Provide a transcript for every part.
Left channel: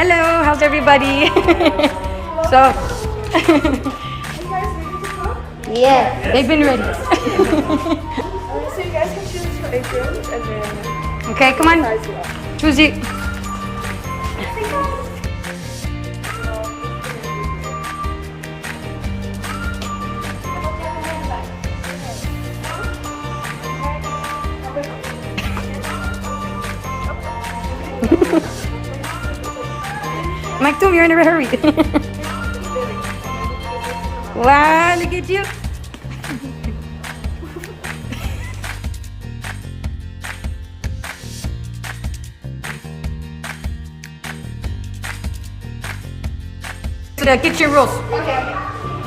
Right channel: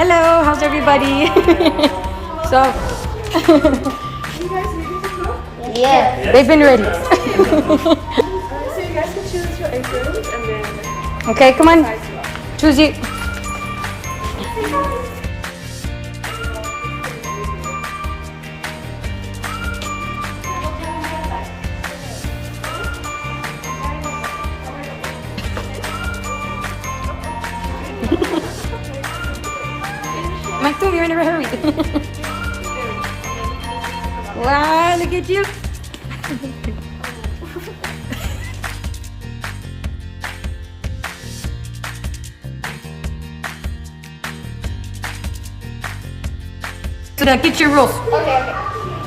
Hello, how's everybody? So, Yeah. they've been ready. So you guys can choose your aprons and then Okay, come on. Choose it. Maktoum, you're in a hurry. Wow, look at you. To the kitchen rules. Okay.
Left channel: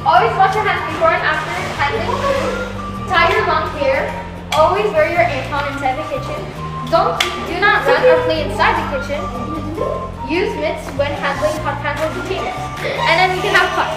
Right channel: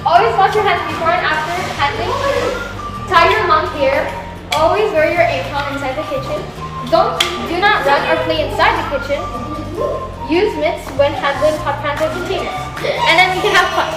Always wash your hands before and after handling. Tie your long hair. Always wear your apron inside the kitchen. Do not run or play inside the kitchen. Use mitts when handling hot pans or containers. And then we can have fun.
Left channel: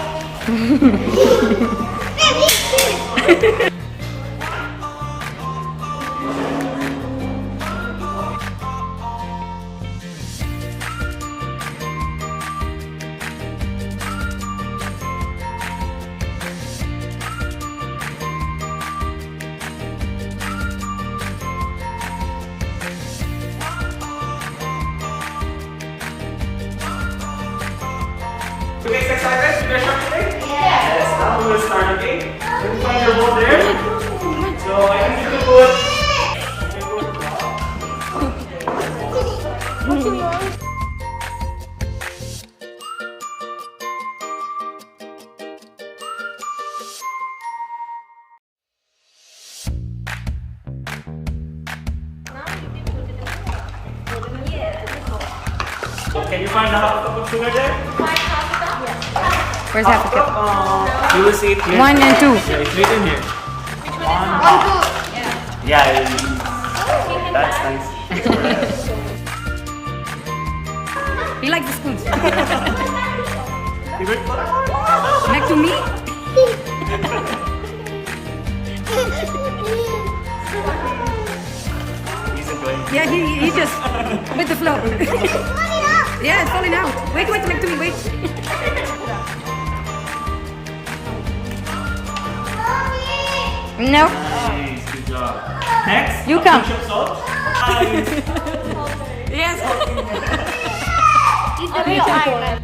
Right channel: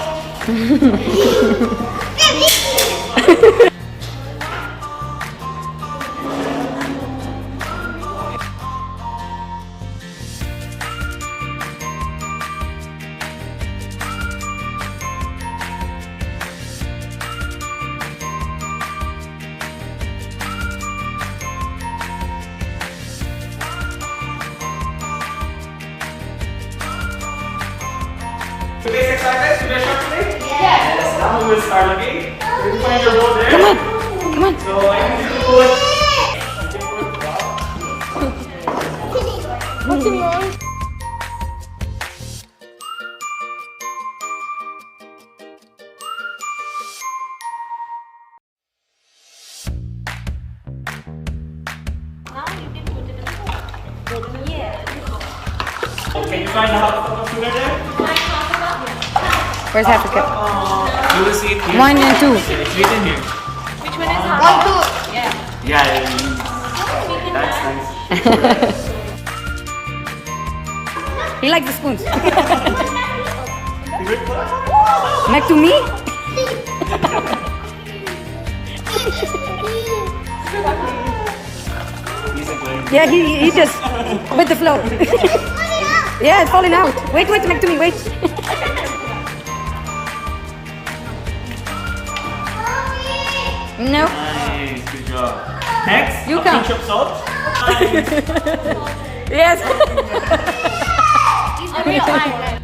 You guys excited to shop today? Yes. Yes, now we will start the game. You can find your ball there. Come on. Come on. So I need you to put. Can you find the half cup of sugar there? Where's half a cup? You will see it clear. 1 and 2. Yeah, it's written here. Yeah. That's nice. You like the spoons? Good. Back to me? He's enjoying it. Yeah, he just with the flow. Yeah, it's falling out. Wait, back to me, wait. No. Nice, good job. Next, You a count. pinch of salt. Yes. He's the real Iron.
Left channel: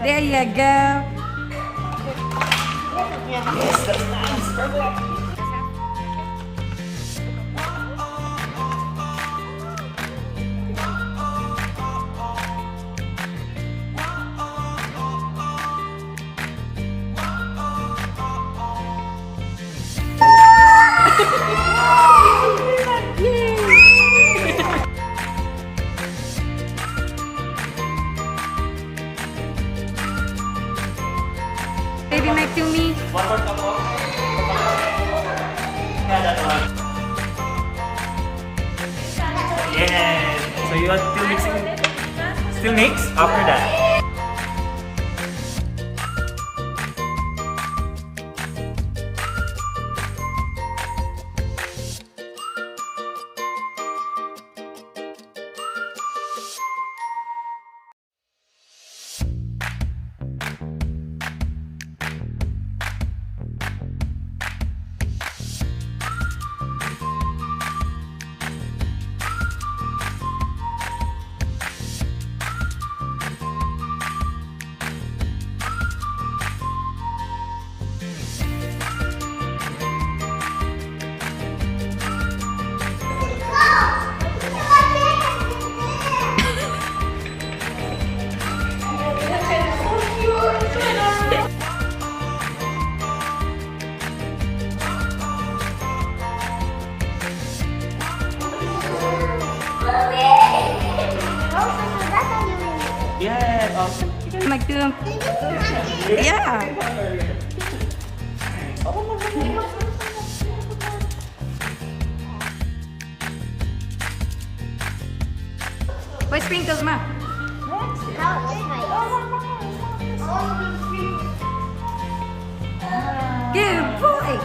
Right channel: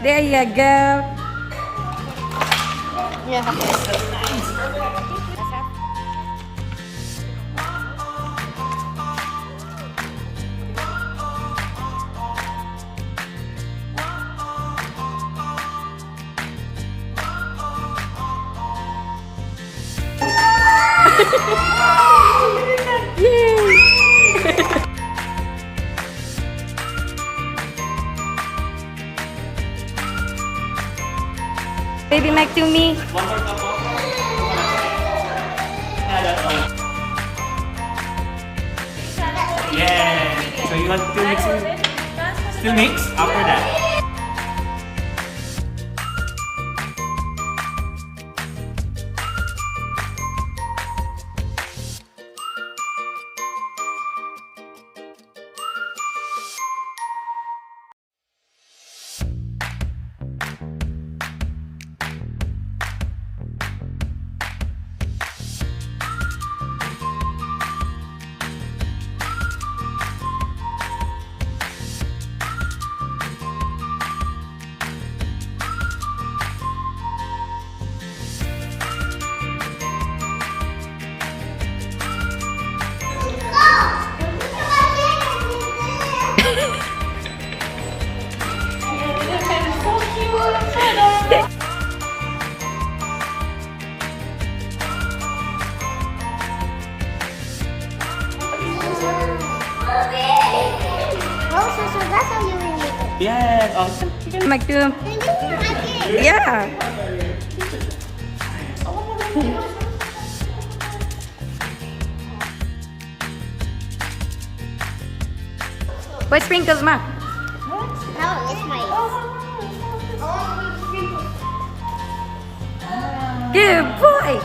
There you go. Baby Mac to me. One more cup of. Yeah, that one. Yes. So you are still mixing. Still mix after that. Yeah. Mac to. Yeah. Why sprinkles, ma? Good boy.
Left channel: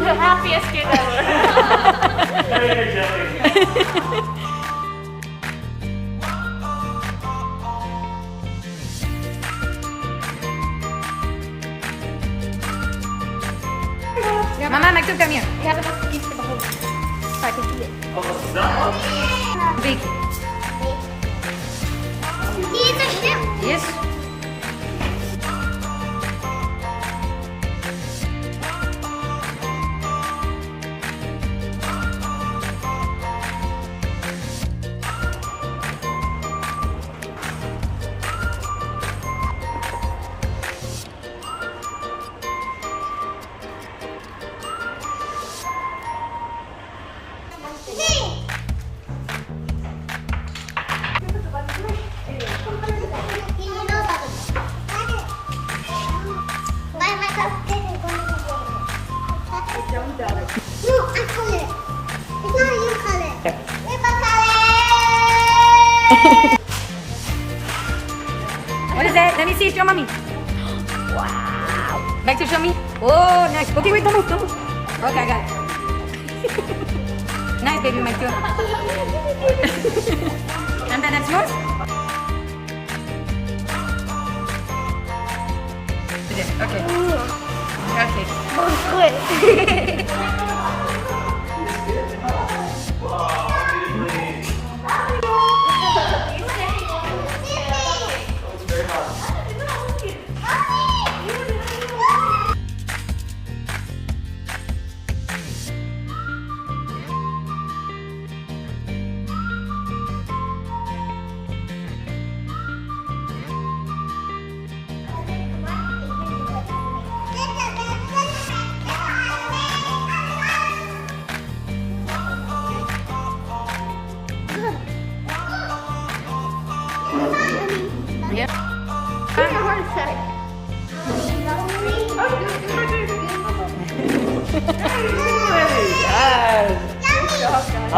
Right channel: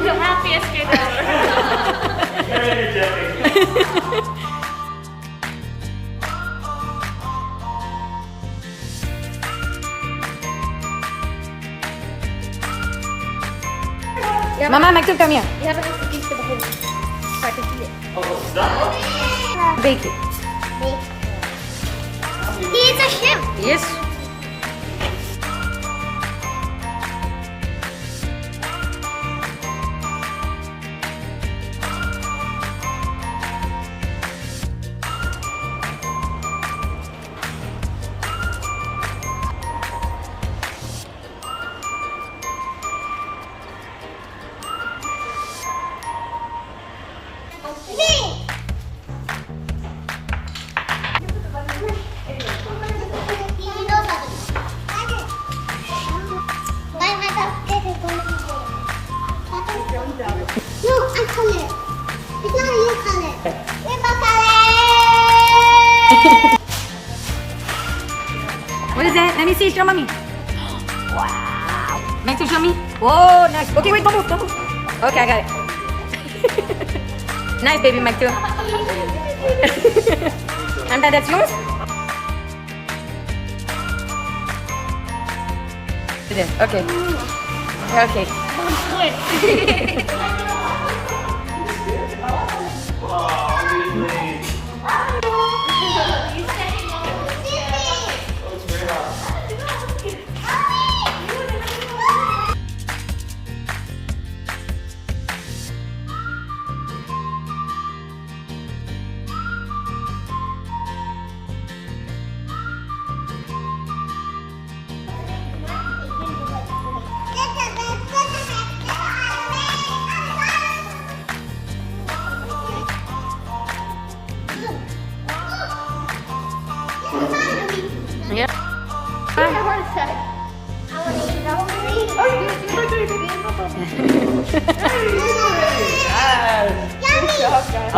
The happiest kid ever. Very energetic. Mama, Michael, come here. You have enough cookies for the whole party. Oh, is that all? Wait. He's a shrimp. Yes. What is that? Let me see. Show mommy. Wow. Back to show me. Oh, nice. Okay, wait. Don't move. Don't move. Okay, I got it. Nice, baby, Mike too. And that's yours? Okay. Okay. Yeah. I have a heart attack.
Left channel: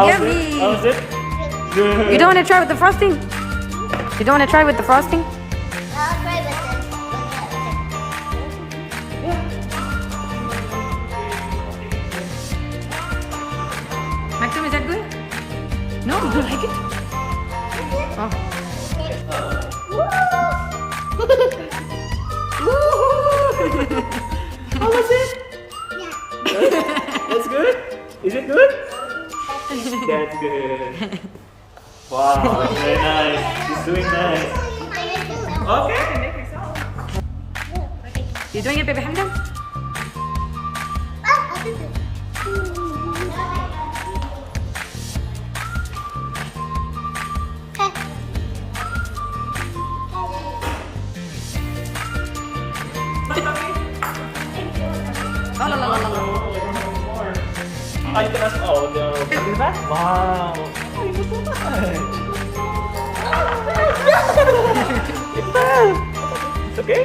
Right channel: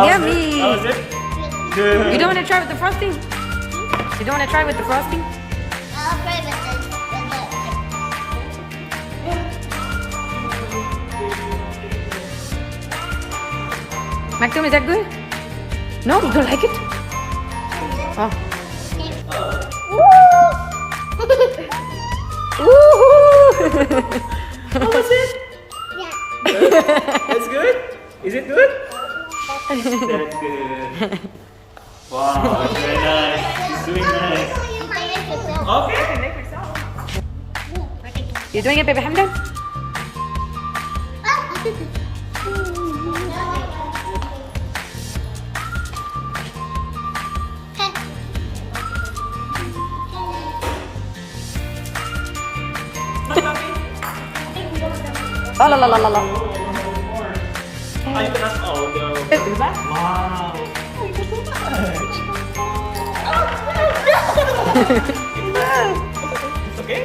Yummy. That was it? Good. You don't want to try with the frosting? You don't want to try with the frosting? Maxim, is that good? No, you don't like it? Oh. Woohoo! How was it? It's good? Is it good? That's good. Wow, very nice. She's doing nice. Okay. You doing it, baby Hamdan? Oh, la la la la la. I trust all those. Wow. It's okay?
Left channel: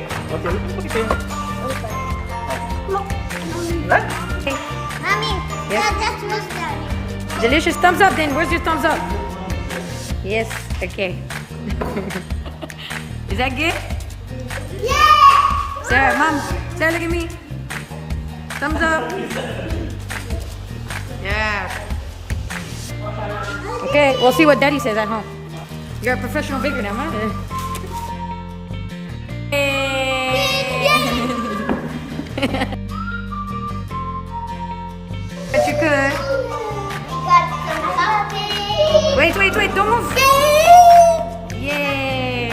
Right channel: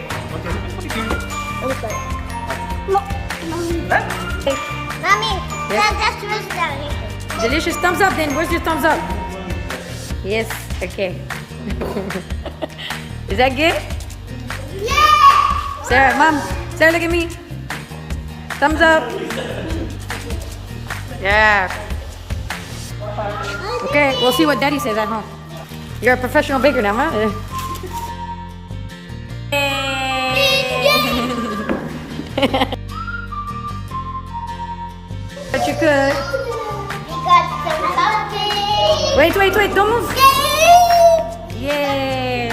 Okay. Yes. Delicious. Thumbs up then. Where's your thumbs up? Yes. Okay. Is that good? Sarah, Mom. Sarah, look at me. Thumbs up. Yeah. Okay, we'll see what Daddy says at home. You're a professional baker now, huh? But you could. Wait, don't move. Yay.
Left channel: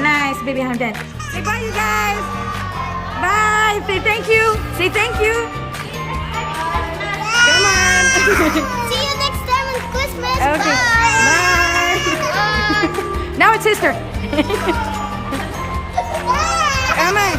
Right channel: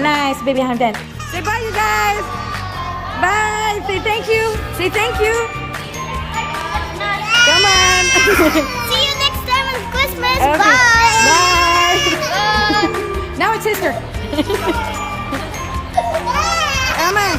Nice, baby Hamdan. Say bye, you guys. Bye. Say thank you. Say thank you. Come on. See you next time on Christmas. Okay. Bye. Now it's sister. Come on.